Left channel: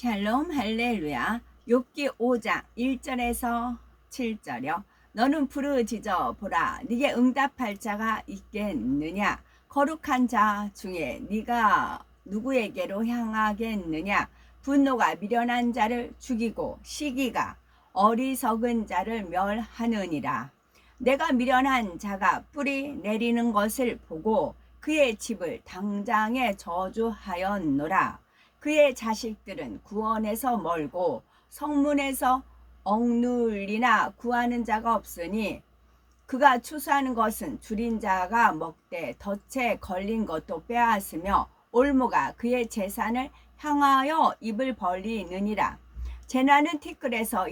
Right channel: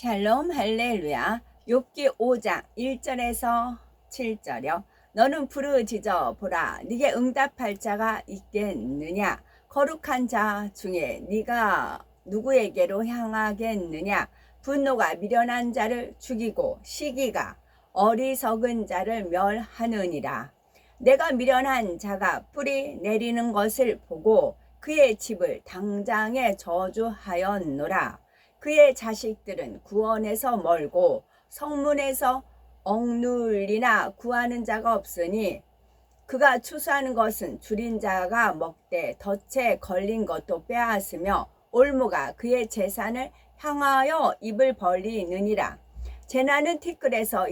샬롬 할렐루야. 욥기 5장 1절에서 7절이요. 너는 부르짖어 보라. 네게 응답할 자가 있겠느냐? 거룩한 자 중에 네가 누구에게로 향하겠느냐? 분노가 미련한 자를 죽이고 시기가 어리석은 자를 멸하느니라. 내가 미련한 자가 뿌리 내리는 것을 보고 그의 집을 당장에 저주하였노라. 그의 자식들은 구원에서 멀고 성문에서 억눌리나 구하는 자가 없으니 그가 추수하는 것은 줄인 자가 먹되 덫에 걸린 것도 빼앗으며 올무가 그의 재산을 향하여 입을 벌리느니라. 재난은 티끌에서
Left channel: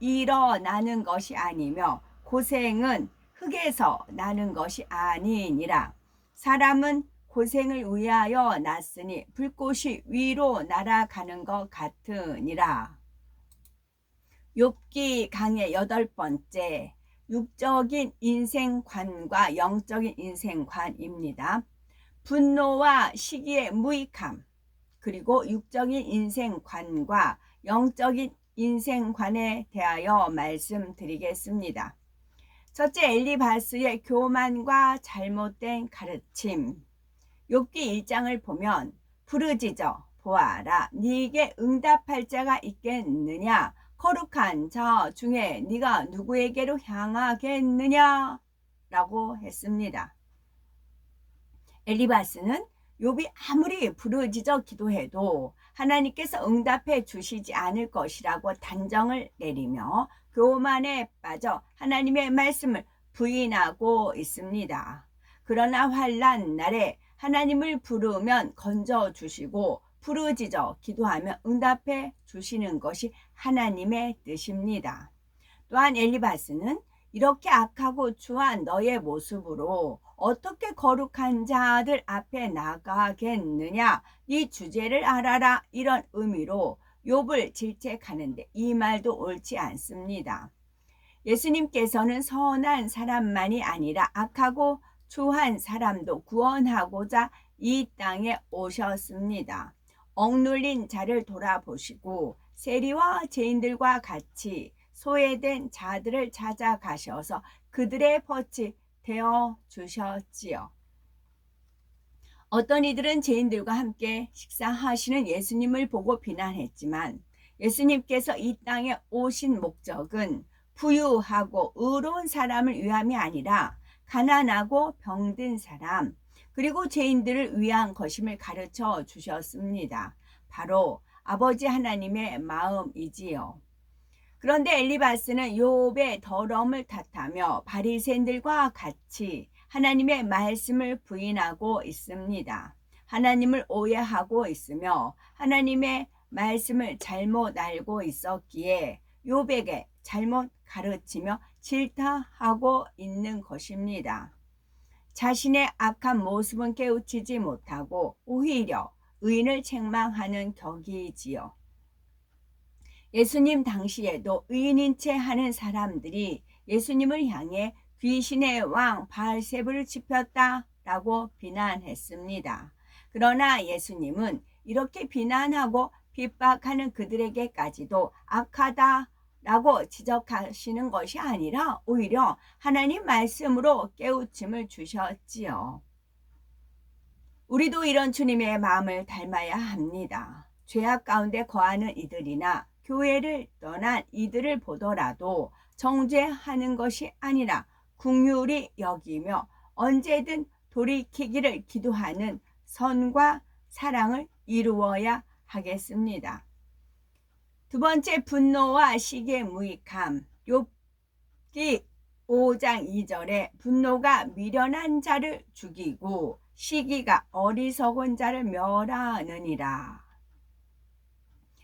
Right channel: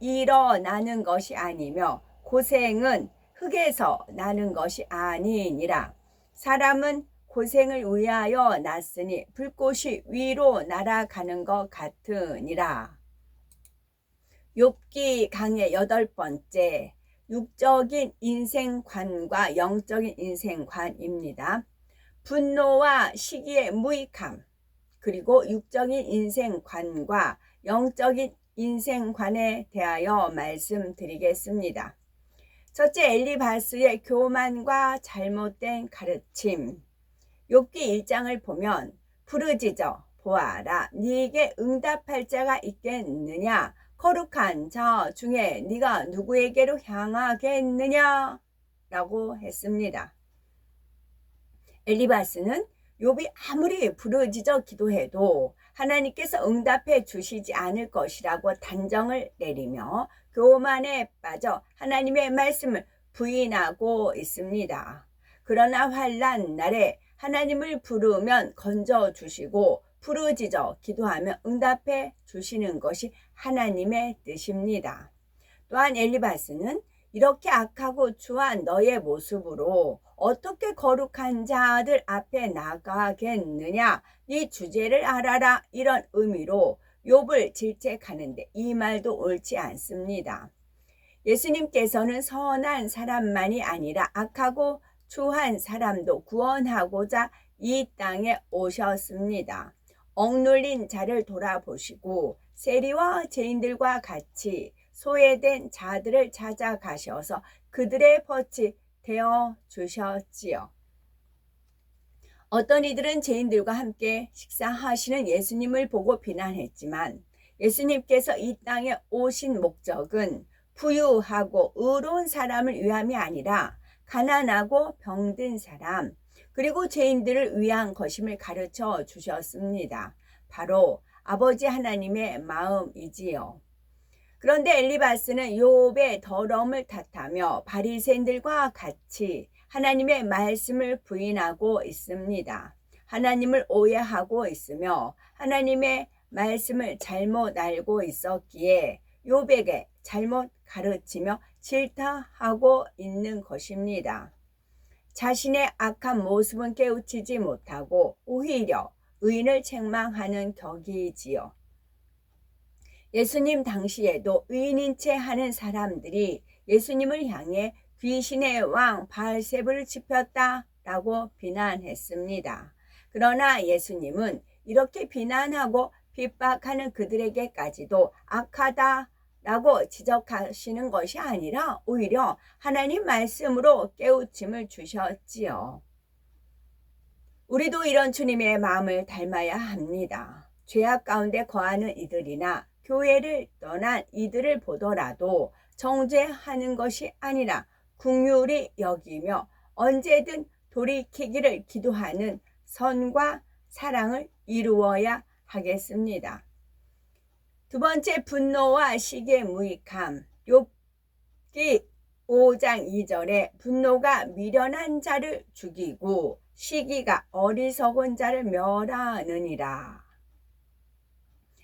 일어나는 것이 아니며 고생은 흙에서 나는 것이 아니니라. 사람은 고생을 위하여 났으니 불꽃이 위로 날아가는 것 같으니라. 욥기 강의 8번째, 육적인 인생관과 영적인 인생관입니다. 분노와 시기의 무익함, 그리고 육적인 인생관과 영적인 인생관에 대하여 말씀드리겠습니다. 첫째, 엘리바스의 교만과 잘못된 가르침. 욥기 1장을 보면 부르짖어 보아라. 네게 응답할 자가 있겠느냐? 거룩한 자 중에 네가 누구에게로 향하겠느냐? 라고 했습니다. 엘리바스는 욥이 아무리 부르짖어 기도해도 하나님께서 응답해 주시지 않을 것이라고 단정을 내리며 교만에 빠져 하나님의 말씀을 부인하고 있습니다. 그러나 환난 날에 하나님을 부르면 건져주시고 부르짖어 기도하면 응답해 주시는 것이 하나님의 뜻입니다. 또한 엘리바스는 이렇게 악하고 추한 너의 모습으로 어떻게 거룩한 자들 앞에 나가겠느냐? 네 주제를 알아라. 이런 의미로 욥을 질책하는데 이 말도 옳지 않습니다. 예수님께서는 선한 사람만이 아니라 악하고 추한 사람도 구원하고자 이 땅에 오셨습니다. 억눌린 자를 돌아보시고 세리와 죄인들과 같이 소외된 자들을 찾아가셔서 그들의 덫이 되어 주셨지요. 어떤 이들은 죄인들과 함께 식사하시는 예수님을 보고 비난했지만 예수님께서 이 땅에 오신 목적은 부유하고 의로운 사람을 위함이 아니라 가난하고 병든 사람 그리고 죄인들을 위한 것임을 가르쳐 주셨습니다. 바로 아버지 하나님의 마음이지요. 그런데 엘리바스는 욥의 더러움을 탓하며 바리새인들과 같이 하나님의 말씀을 부인하고 있습니다. 하나님을 오해하고 있으며 하나님의 말씀을 잘못 알고 있었기에 욥에게 잘못 가르치며 질타하고 있는 것입니다. 자신의 악한 모습은 깨우치지 못하고 오히려 의인을 책망하는 격이지요. 예수님 당시에도 의인인 채 하는 사람들이 예수님을 향해 귀신의 왕 바알세불을 지폈다라고 비난했습니다. 그러나 예수님은 이렇게 비난하고 핍박하는 그들에게까지도 악하다라고 지적하시는 것이 아니라 오히려 하나님 말씀으로 깨우침을 주셨지요. 우리도 이런 주님의 마음을 닮아야 합니다. 죄악 가운데 거하는 이들이나 교회를 떠난 이들을 보더라도 정죄하는 것이 아니라 긍휼히 여기며 언제든 돌이키기를 기도하는 선과 사랑을 이루어야 하겠습니다. 두 번째, 분노와 시기의 무익함. 욥기 5장 2절에 분노가 미련한 자를 죽이고 시기가 어리석은 자를 멸하느니라.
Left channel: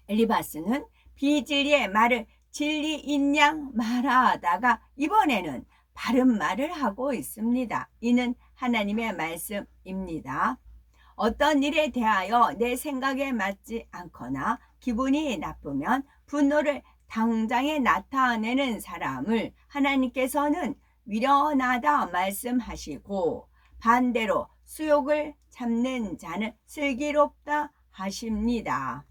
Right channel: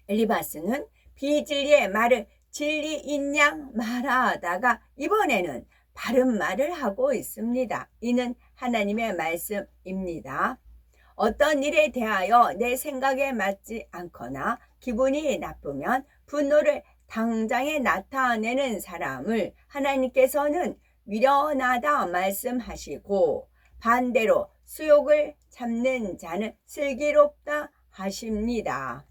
엘리바스는 비진리의 말을 진리인 양 말하다가 이번에는 바른 말을 하고 있습니다. 이는 하나님의 말씀입니다. 어떤 일에 대하여 내 생각에 맞지 않거나 기분이 나쁘면 분노를 당장에 나타내는 사람을 하나님께서는 미련하다 말씀하시고 반대로 수욕을 참는 자는 슬기롭다 하십니다.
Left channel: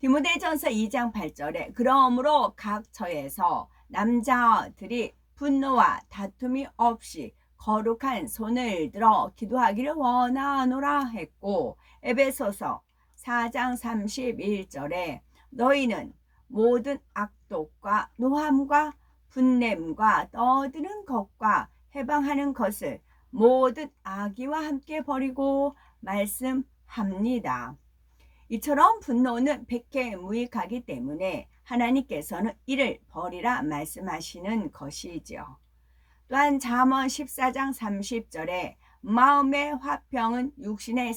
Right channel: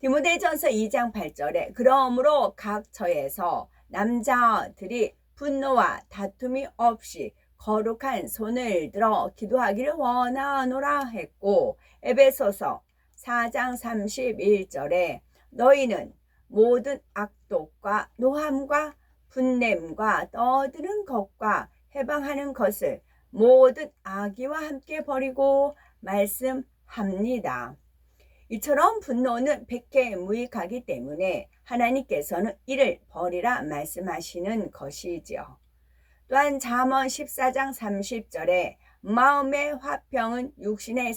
디모데전서 2장 8절에 그러므로 각 처에서 남자들이 분노와 다툼이 없이 거룩한 손을 들어 기도하기를 원하노라 했고, 에베소서 4장 31절에 너희는 모든 악독과 노함과 분냄과 떠드는 것과 해방하는 것을 모든 악의와 함께 버리고 말씀합니다. 이처럼 분노는 백해무익하기 때문에 하나님께서는 이를 버리라 말씀하시는 것이지요. 또한 잠언 14장 30절에 마음의 화평은 육신의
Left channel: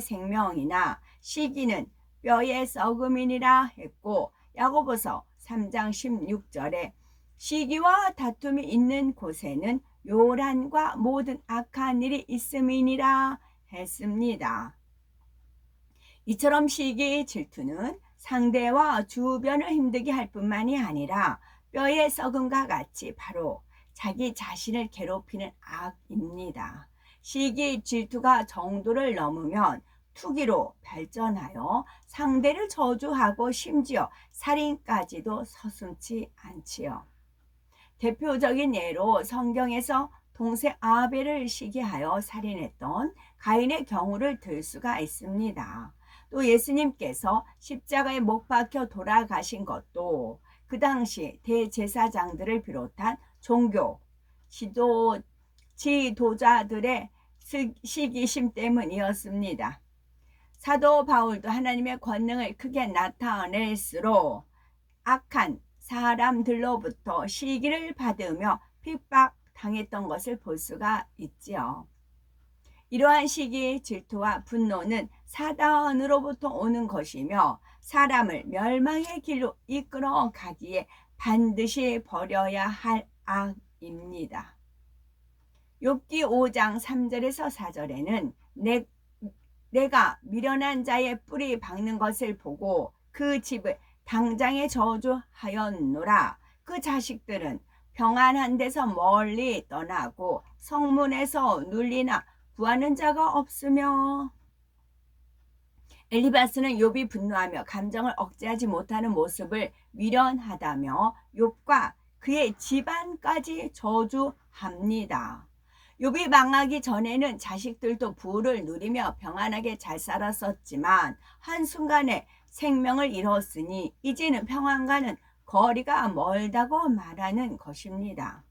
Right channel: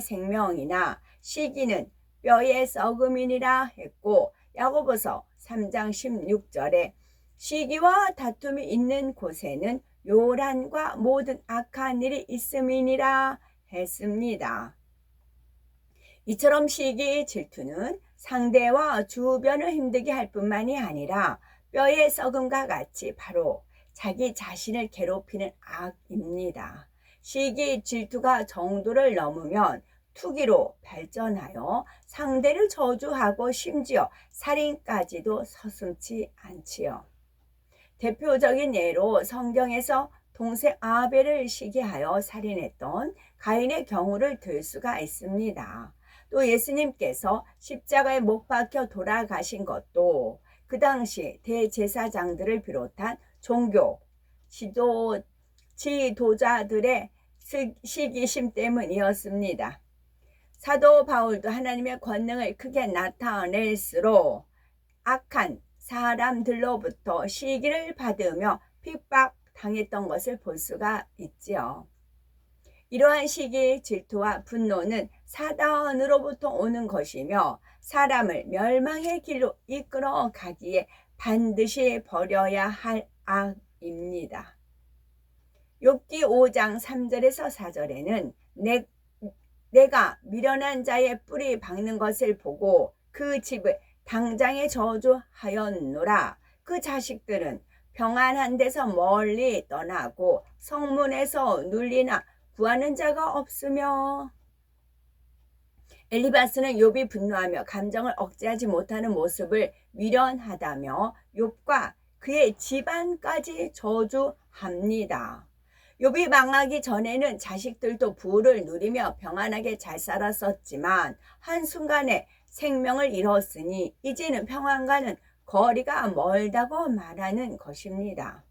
생명이나 시기는 뼈의 썩음이니라 했고, 야고보서 3장 16절에 시기와 다툼이 있는 곳에는 요란과 모든 악한 일이 있음이니라 했습니다. 이처럼 시기, 질투는 상대와 주변을 힘들게 할 뿐만이 아니라 뼈의 썩음과 같이 바로 자기 자신을 괴롭히는 악입니다. 시기, 질투가 정도를 넘으면 투기로 발전하여 상대를 저주하고 심지어 살인까지도 서슴지 않지요. 대표적인 예로 성경에서 동생 아벨을 시기하여 살인했던 가인의 경우를 들 수가 있습니다. 또 예수님께서 십자가에 못 박혀 돌아가신 것도 그 당시 대제사장들을 비롯한 종교 지도자들의 시기심 때문이었습니다. 사도 바울도 하나님의 권능을 크게 나타낼수록 악한 사람들로부터 시기를 받으며 핍박당했던 것을 볼 수가 있지요. 이러한 시기, 질투와 분노는 사단으로부터 오는 것이며 사람을 멸망의 길로 이끌어 가기에 반드시 버려야 할 악입니다. 욥기 5장 3절에서 4절에는 내가 미련한 자의 뿌리 박는 것을 보고 그 집을 당장에 저주하였노라. 그 자식들은 평안한 데서 멀리 떠나고 성문에서 눌리나 구하는 자가 없으며. 엘리바스는 욥이 분노하며 감정을 억제하지 못하는 모습을 미련하다며 욥과 그의 집안까지 저주합니다. 욥이 망하기 전에는 자식들도 부를 누리며 평안하게 잘 살았었지만 한순간에 생명을 잃었으니 이제는 평안과는 거리가 멀다고 말하는 것입니다.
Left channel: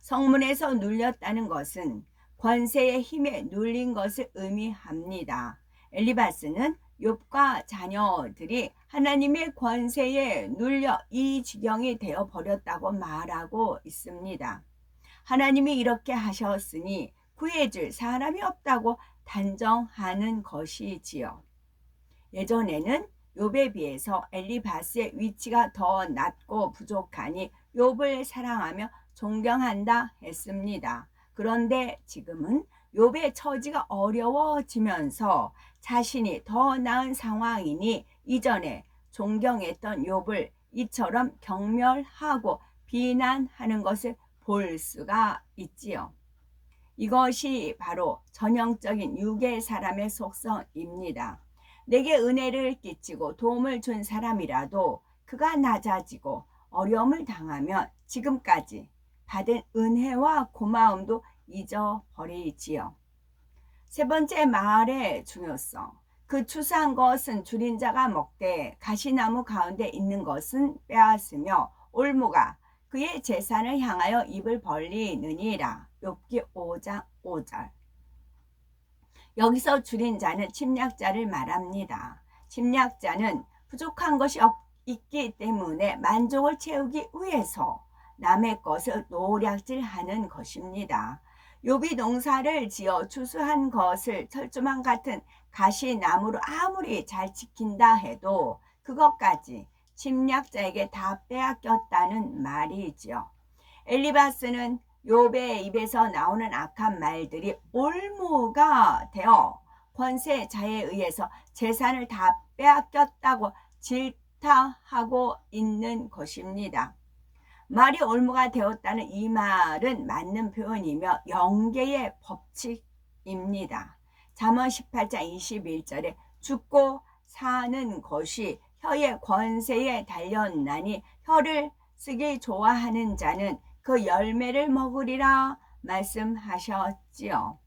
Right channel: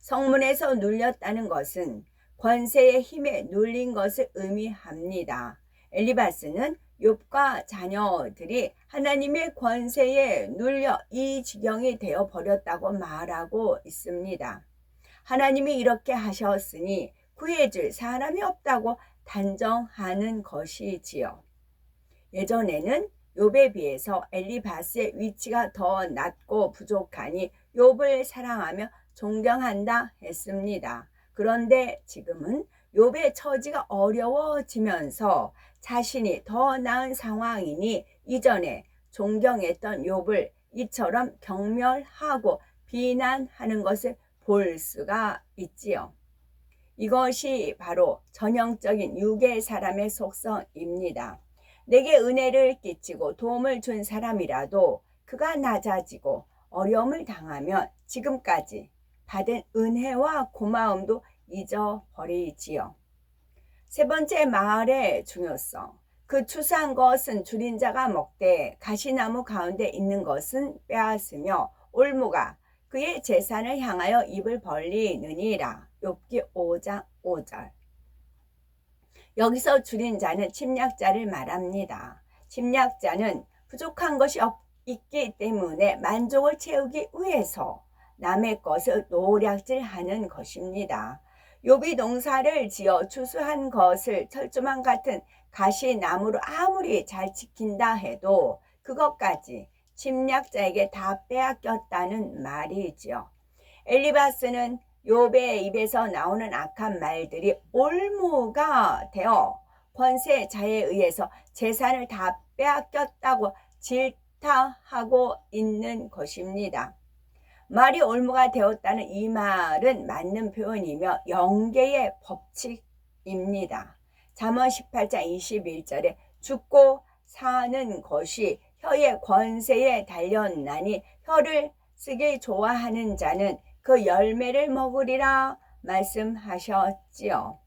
성문에서 눌렸다는 것은 권세의 힘에 눌린 것을 의미합니다. 엘리바스는 욥과 자녀들이 하나님의 권세에 눌려 이 지경이 되어 버렸다고 말하고 있습니다. 하나님이 이렇게 하셨으니 구해줄 사람이 없다고 단정하는 것이지요. 예전에는 욥에 비해서 엘리바스의 위치가 더 낮고 부족하니 욥을 사랑하며 존경한다 했습니다. 그런데 지금은 욥의 처지가 어려워지면서 자신이 더 나은 상황이니 이전에 존경했던 욥을 이처럼 경멸하고 비난하는 것을 볼 수가 있지요. 이것이 바로 전형적인 유괴 사람의 속성입니다. 내게 은혜를 끼치고 도움을 준 사람이라도 그가 낮아지고 어려움을 당하면 지금까지 받은 은혜와 고마움도 잊어버리지요. 세 번째, 말의 중요성. 그 추수한 것은 줄인 자가 먹되 가시나무 가운데 있는 것은 빼앗으며 올무가 그의 재산을 향하여 입을 벌리느니라. 욥기 5장 5절. 여기서 줄인 자는 침략자를 말합니다. 침략자는 부족한 것이 있기 때문에 만족을 채우기 위해서 남의 것을 노략질하는 것입니다. 욥이 농사를 지어 추수한 것을 철조망 같은 가시나무로 아무리 잘 지킨다 해도 그것까지 침략자에게 다 빼앗겼다는 말이지요. 엘리바스는 욥의 입에서 나오는 악한 말들이 올무가 되어 권세자에 의해서 재산을 다 빼앗겼다고 질타하고 있는 것입니다. 말이 올무가 되었다는 이 말은 맞는 표현이며 영계의 법칙입니다. 잠언 18장 21절에 죽고 사는 것이 혀의 권세에 달렸나니 혀를 쓰기 좋아하는 자는 그 열매를 먹으리라 말씀하셨지요.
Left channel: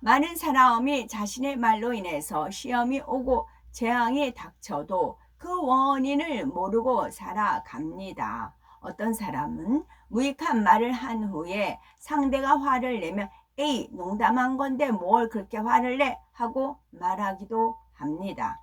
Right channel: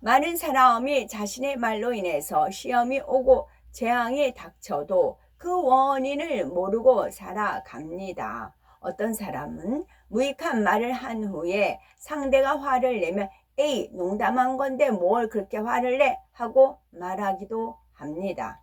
많은 사람이 자신의 말로 인해서 시험이 오고 재앙이 닥쳐도 그 원인을 모르고 살아갑니다. 어떤 사람은 무익한 말을 한 후에 상대가 화를 내면 에이, 농담한 건데 뭘 그렇게 화를 내? 하고 말하기도 합니다.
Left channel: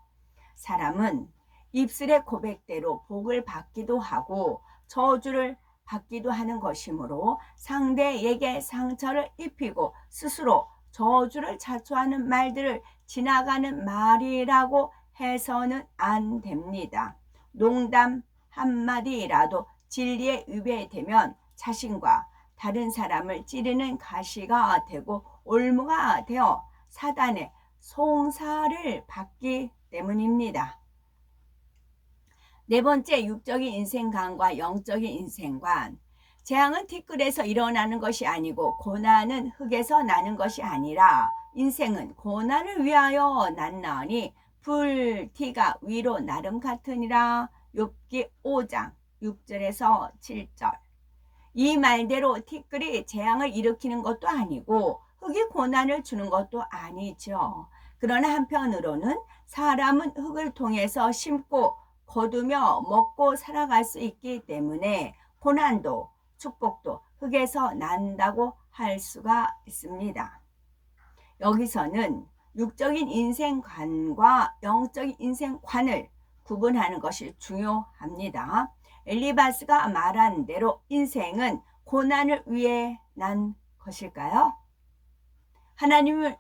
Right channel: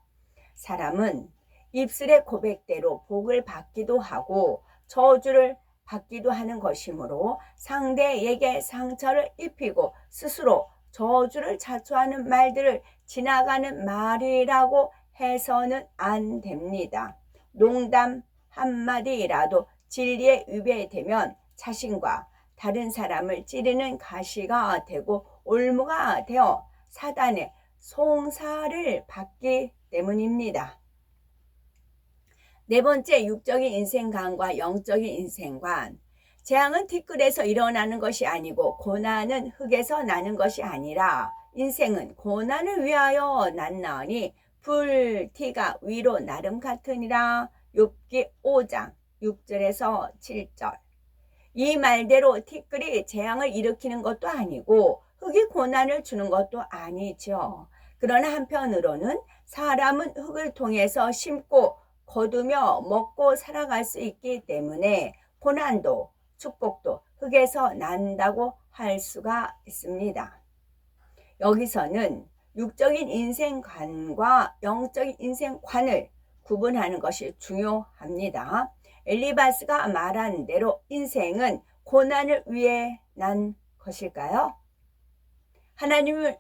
사람은 입술의 고백대로 복을 받기도 하고 저주를 받기도 하는 것이므로 상대에게 상처를 입히고 스스로 저주를 자초하는 말들을 지나가는 말이라고 해서는 안 됩니다. 농담 한마디라도 진리에 위배되면 자신과 다른 사람을 찌르는 가시가 되고 올무가 되어 사단의 송사를 받기 때문입니다. 네 번째, 육적인 인생관과 영적인 인생관. 재앙은 티끌에서 일어나는 것이 아니고 고난은 흙에서 나는 것이 아니라 인생은 고난을 위하여 났나니 불티가 위로 나름 같으니라. 욥기 5장 6절에서 7절. 이 말대로 티끌이 재앙을 일으키는 것도 아니고 흙이 고난을 주는 것도 아니죠. 그러나 한편으로는 사람은 흙을 통해서 심고 거두며 먹고 살아갈 수 있기 때문에 고난도 축복도 흙에서 난다고 할 수가 있습니다. 여기서는 육적인 인생관과 영적인 인생관을 구분하는 것이 중요합니다. 엘리바스가 말한 대로 인생은 고난을 위해 난 것일까요? 하나님을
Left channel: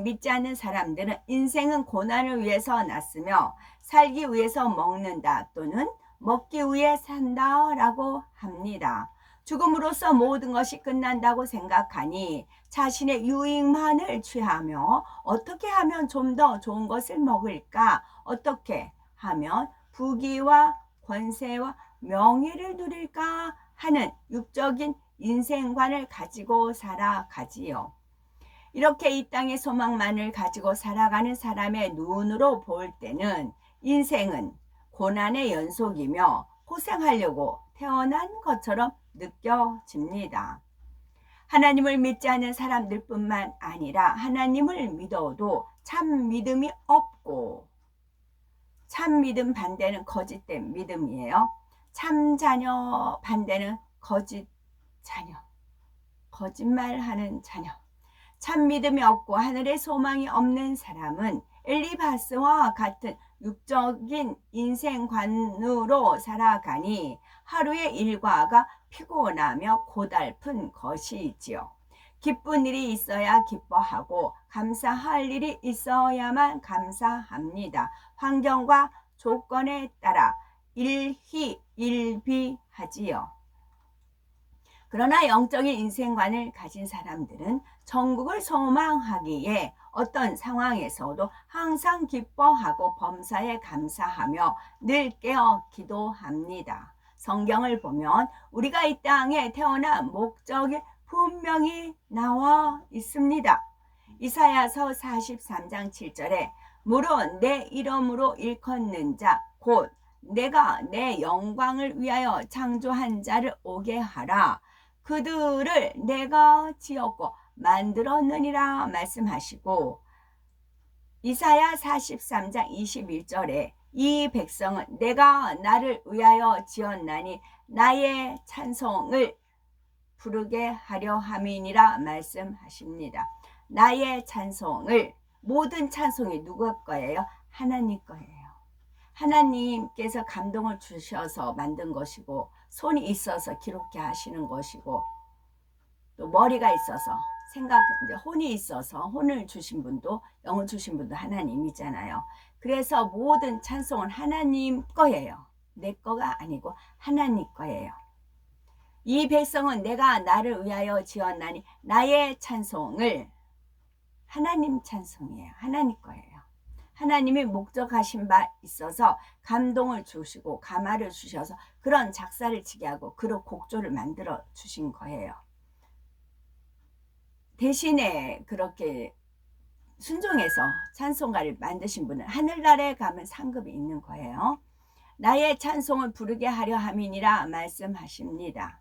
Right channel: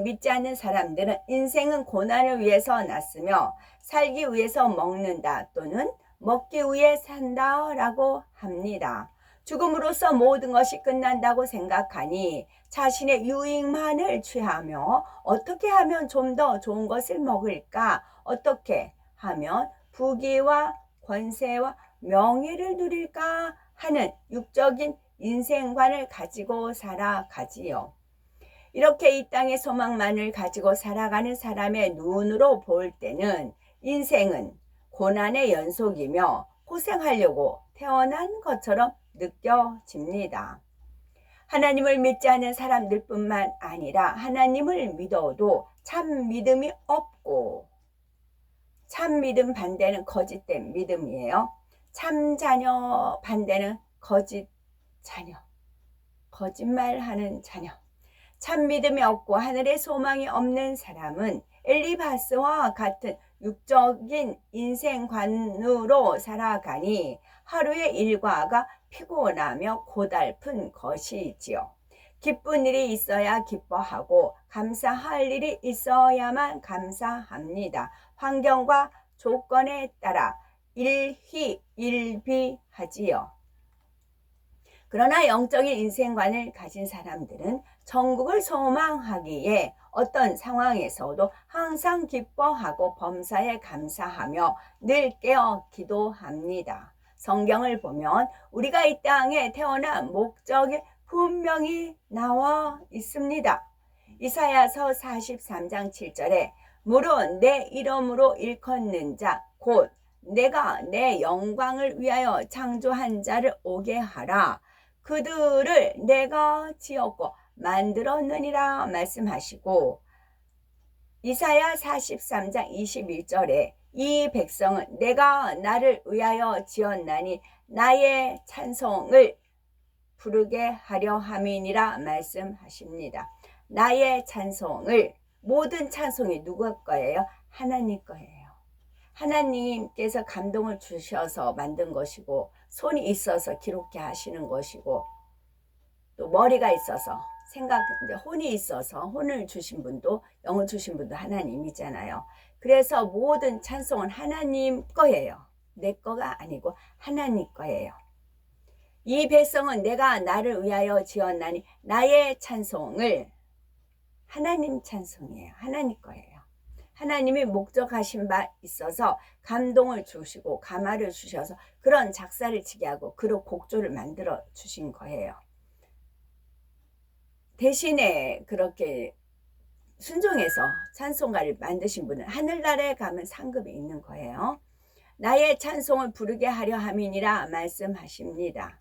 믿지 않는 사람들은 인생은 고난을 위해서 났으며 살기 위해서 먹는다 또는 먹기 위해 산다 라고 합니다. 죽음으로써 모든 것이 끝난다고 생각하니 자신의 유익만을 취하며 어떻게 하면 좀 더 좋은 것을 먹을까? 어떻게 하면 부귀와 권세와 명예를 누릴까 하는 육적인 인생관을 가지고 살아가지요. 이렇게 이 땅의 소망만을 가지고 살아가는 사람의 눈으로 볼 때는 인생은 고난의 연속이며 고생하려고 태어난 것처럼 느껴집니다. 하나님을 믿지 않는 사람들 뿐만 아니라 하나님을 믿어도 참 믿음이 없고, 참 믿음 반대는 거짓된 믿음이에요. 참 자녀 반대는 거짓 자녀, 거짓말하는 자녀. 참 믿음이 없고 하늘의 소망이 없는 사람은 엘리바스와 같은 육적인 인생관으로 살아가니 하루의 일과가 피곤하며 고달픈 것이지요. 기쁜 일이 있어야 기뻐하고 감사할 일이 있어야만 감사합니다. 환경과 조건에 따라 일희일비하지요. 그러나 영적인 인생관을 가진 사람들은 천국을 소망하기에 어떤 상황에서도 항상 기뻐하고 범사에 감사하며 늘 깨어 기도합니다. 성경을 보면 우리가 이 땅에 태어난 목적이 분명히 나와 있습니다. 이사야서 43장 7절에 무릇 내 이름으로 일컫는 자 곧 내가 내 영광을 위하여 창조한 자를 오게 하라. 그들을 내가 지었고 만들었느니라 말씀하시고, 이사야 43장 21절에 이 백성은 내가 나를 위하여 지었나니 나의 찬송을 부르게 하려 함이니라 말씀하십니다. 나의 찬송을, 모든 찬송이 누구 거예요? 하나님 거예요. 하나님께서 감동을 주셔서 만든 것이고 손이 있어서 기록해 하시는 것이고 또 머리가 있어서 혼이 있어서 혼을 주신 분도 영을 주신 분도 하나님이잖아요. 그래서 모든 찬송은 하나님 거예요. 내 거가 아니고 하나님 거예요. 이 백성은 내가 나를 위하여 지었나니 나의 찬송을, 하나님 찬송이에요. 하나님 거예요. 하나님이 목적하신 바 있어서 감동을 주시고 가마를 주셔서 그런 작사를 치게 하고 그런 곡조를 만들어 주신 거예요. 대신에 그렇게 순종해서 찬송가를 만드신 분은 하늘나라에 가면 상급이 있는 거예요. 나의 찬송을 부르게 하려 함이니라 말씀하십니다.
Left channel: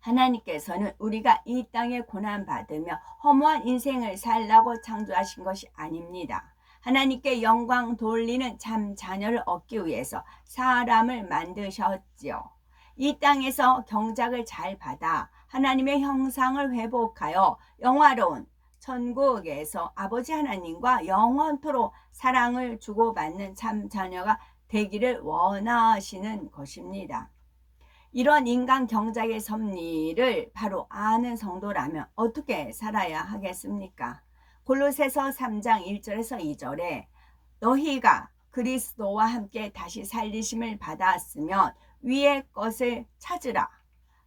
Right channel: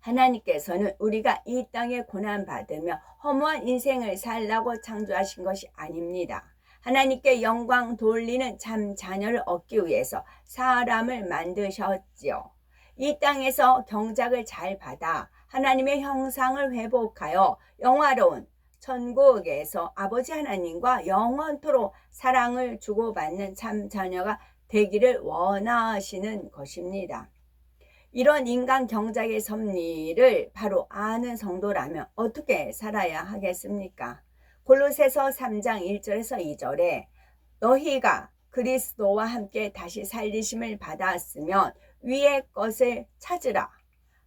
하나님께서는 우리가 이 땅에 고난받으며 허무한 인생을 살라고 창조하신 것이 아닙니다. 하나님께 영광 돌리는 참 자녀를 얻기 위해서 사람을 만드셨지요. 이 땅에서 경작을 잘 받아 하나님의 형상을 회복하여 영화로운 천국에서 아버지 하나님과 영원토록 사랑을 주고받는 참 자녀가 되기를 원하시는 것입니다. 이런 인간 경작의 섭리를 바로 아는 성도라면 어떻게 살아야 하겠습니까? 골로새서 3장 1절에서 2절에 너희가 그리스도와 함께 다시 살리심을 받았으면 위의 것을 찾으라.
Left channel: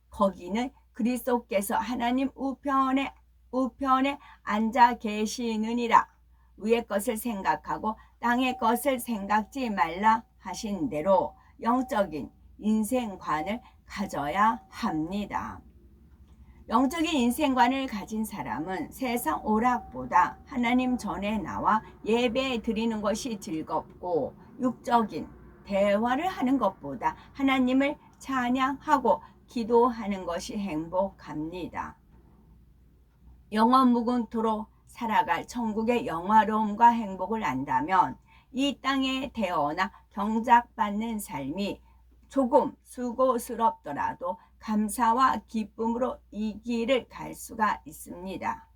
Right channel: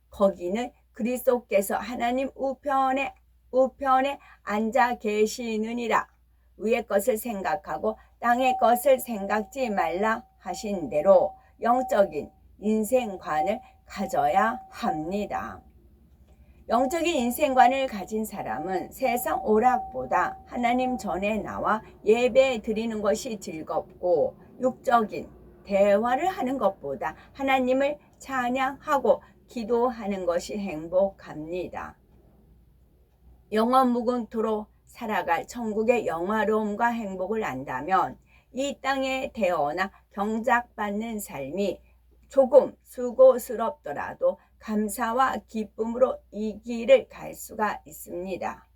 거기는 그리스도께서 하나님 우편에 앉아 계시느니라. 위의 것을 생각하고 땅의 것을 생각지 말라 하신 대로 영적인 인생관을 가져야 합니다. 영적인 인생관을 가진 사람은 세상 오락보다 하나님 전에 나와 예배 드리는 것이 즐겁고 육적인 대화를 하는 것보다 하나님을 찬양하고 기도하는 것이 행복합니다. 영원 무궁토록 살아갈 천국의 영화로움과 행복을 안다면 이 땅에 태어나 경작받는 삶이 조금 수고스럽더라도 감사와 기쁨으로 이 길을 갈 수가 있습니다.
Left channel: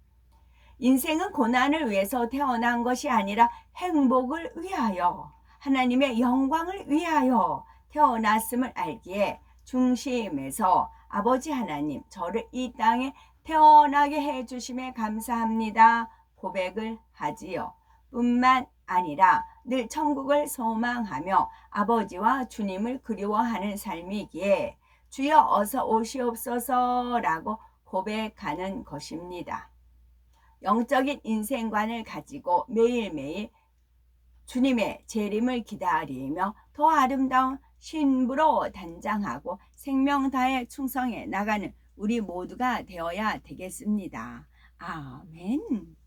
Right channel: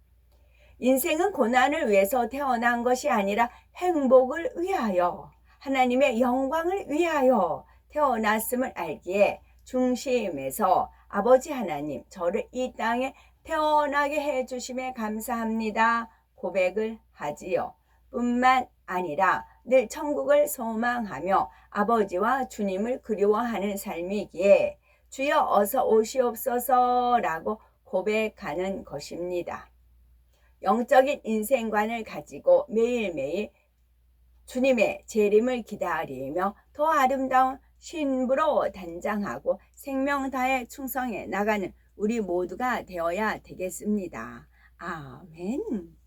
인생은 고난을 위해서 태어난 것이 아니라 행복을 위하여 하나님의 영광을 위하여 태어났음을 알기에 중심에서 아버지 하나님 저를 이 땅에 태어나게 해주심에 감사합니다 고백을 하지요. 뿐만 아니라 늘 천국을 소망하며 아버지와 주님을 그리워하는 삶이기에 주여 어서 오시옵소서라고 고백하는 것입니다. 영적인 인생관을 가지고 매일매일 주님의 재림을 기다리며 더 아름다운 신부로 단장하고 생명 다해 충성해 나가는 우리 모두가 되어야 되겠습니다. 아멘.